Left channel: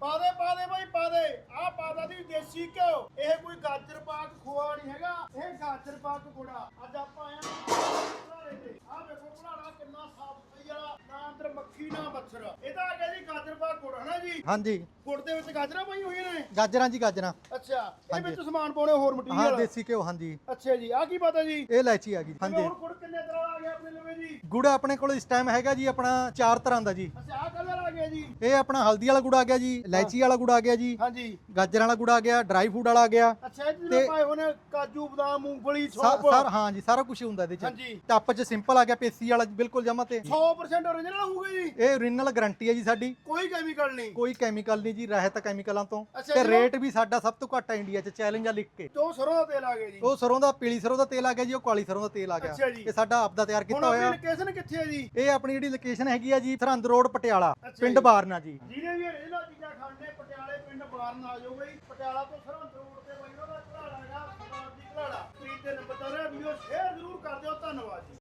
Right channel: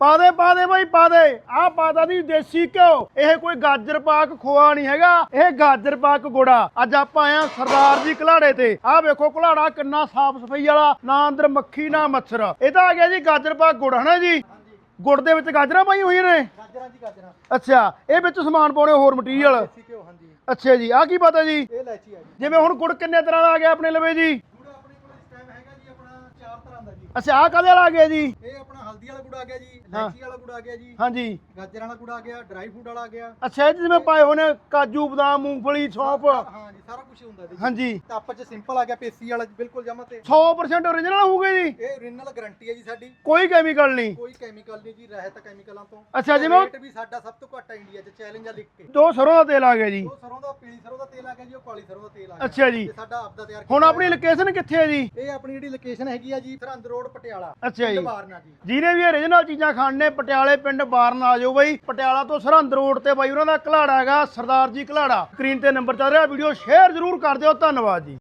ਪਾ ਦੇ ਪਾ ਦੇ ਬਾਈ ਪਾ ਦੇ। ਆਹ ਪਾਦਾ ਦੀ ਦੇਸੀ ਘਿਓ। ਇਹ ਕੋਈ ਗਾਜਰ ਪਾਕ ਖੋਆ ਨਹੀਂ ਹੈਗਾ। ਇਹ ਗਾਜਰ ਪਾਕ ਗੁੜਾ। ਅੱਜ ਆਪਾਂ ਆਏ ਆ ਸਰਦਾਰ ਜੀ ਘਲਾੜੇ ਤੇ। ਆਹ ਵੇਖੋ ਘਲਾੜਾ ਕਿੰਨਾ ਸਾਫ਼ ਸਫ਼ਾਈ ਵਾਲਾ। ਨਾ ਅੰਦਰ ਮੱਖੀ ਨਾ ਮੱਛਰ। ਇਹ ਤਾਂ ਆ ਗਿਆ ਜੀ ਗਾਜਰ ਪਾਕ ਗੁੜ ਹਨਾ ਜੀ? ਹਾਂਜੀ। ਗੁੜ ਦੇ ਵਿੱਚ ਗਾਜਰਾਂ ਪਾਈ ਹੋਈਆਂ ਨੇ? ਗਾਜਰਾਂ ਜੀ ਗਾਜਰਾਂ। ਅੱਛਾ ਇਹ ਵਿੱਚ ਸਮਾਨ ਪਾਉਣੇ ਹੋਰ ਮਟੀਰੀਅਲ? ਦੇਸੀ ਘਿਓ ਹਾਂਜੀ। ਅੱਛਾ ਜੀ। ਆਹ ਕੀ ਪਤਾ ਜੀ? ਇਹ ਇਲਾਇਚੀ ਆ ਗਈ। ਜਿਵੇਂ ਹੁਣ ਗੁੜ ਕਿੰਨੇ ਤਰ੍ਹਾਂ ਦਾ ਆ ਗਿਆ ਆਪਣੇ ਲਵੇ ਜੀ? ਗੁੜ ਆਪਣੇ ਕੋਲ ਇਸ ਟਾਈਮ ਹੈਗਾ ਜੀ ਆਪਣਾ ਚਾਰ ਤਰ੍ਹਾਂ ਦਾ ਜੀ। ਅੱਛਾ ਆਹ ਕਾਹਦੇ ਵਾਲਾ ਆ ਗਿਆ ਜੀ? ਇਹ ਆਪਣਾ ਹਲਦੀ ਵਾਲਾ ਗੁੜ ਆ ਗਿਆ ਜੀ। ਇਲਾਇਚੀ ਵਾਲਾ ਗੁੜ ਆ ਗਿਆ ਜੀ ਹਾਂਜੀ। ਗਾਜਰਾਂ ਵਾਲਾ ਗੁੜ ਆ ਗਿਆ ਡਰਾਈ ਫੂਡ ਵਾਲਾ ਆ ਗਿਆ। ਅੱਛਾ ਇਹ 'ਚ ਜਿਵੇਂ ਇਹ- ਪਾਏ ਹੋਏ ਨੇ ਕਾਜੂ ਬਦਾਮ ਮੂੰਗਫਲੀ ਸੌਂਫ। ਸਾਰ- ਹਾਂ ਜੀ ਸਾਰਾ ਕੁਝ ਹੁੰਦਾ ਇਹਦੇ ਚ। ਹਾਂਜੀ। ਟੱਪ ਚ ਸਿੰਪਲ ਆ ਗਿਆ ਪੇਸੀ ਵਾਲਾ ਜੀ, ਬਿਲਕੁਲ ਜਮਾ ਤੇ। 100% ਓਰੀਜਨਲ ਹੋਊਗਾ ਜੀ? ਇਹ ਓਰੀਜਨਲ ਗਾਰੰਟੀ ਹੈ ਜੀ ਸਾਡੀ। ਕੋਈ ਕੈਮੀਕਲ ਨਹੀਂ। ਕੋਈ ਕੈਮੀਕਲ ਨਹੀਂ ਜੀ ਰਹਿਤ ਕੈਮੀਕਲਾਂ ਤੋਂ। ਅੱਛਾ, ਜਿਵੇਂ- ਰੇਟ ਵੀ ਸਾਡਾ ਸਭ ਤੋਂ ਘੱਟ ਹੈ ਇੰਡੀਆ 'ਚ ਚੈਲੰਜ ਆ ਲਿਖ ਕੇ। ਦੋ ਸਰੋਂ ਦਾ ਤੇਲ ਆ ਗਿਆ ਜੀ। ਉਹ ਸਰੋਂ ਦਾ ਪੀਲੀ ਸਰੋਂ ਦਾ ਤੇਲ ਆ ਗਿਆ ਜੀ ਉਹ ਕਾਲੀ ਸਰੋਂ ਦਾ ਤੇਲ ਆ ਗਿਆ। ਅੱਛਾ ਜੀ। ਸਾਡਾ ਆਪਦਾ ਤਿਆਰ ਕੀਤਾ ਹੁਣ ਆਪਣੀ। ਲੋਕੇਸ਼ਨ ਕਿੱਥੇ ਹੈ ਜੀ? ਇਹ ਆਪਣੀ ਜਿਹੜੀ ਲੋਕੇਸ਼ਨ ਹੈਗੀ ਆ ਜੀ ਸਰਹੰਦ ਰੋਡ ਪਟਿਆਲਾ। ਪਿੰਡ ਜੀ। ਬਾਰਨਾ ਜੀ। ਜਿਹਨੇ ਵੀ ਓਰੀਜਨਲ ਚੀਜ਼ਾਂ ਖਾਣੇ ਪਟਿਆਲੇ ਪਿੰਡ ਬਾਰਨ ਆ ਜਾਓ ਬਾਈ। ਪਟਿਆਲਾ ਤੋਂ ਸਰਹੰਦ ਰੋਡ ਤੇ ਬਾਈ ਉਹਨਾਂ ਦਾ ਘਲਾੜਾ ਹੈਗਾ, ਸਰਦਾਰ ਜੀ ਘਲਾੜਾ। ਸਕਰੀਨ ਤੇ ਨੰਬਰ ਚੱਲ ਰਿਹਾ ਵੀਡੀਓ ਸ਼ੇਅਰ ਜ਼ਰੂਰ ਕਰ ਦਿਓ, ਧੰਨਵਾਦ ਜੀ।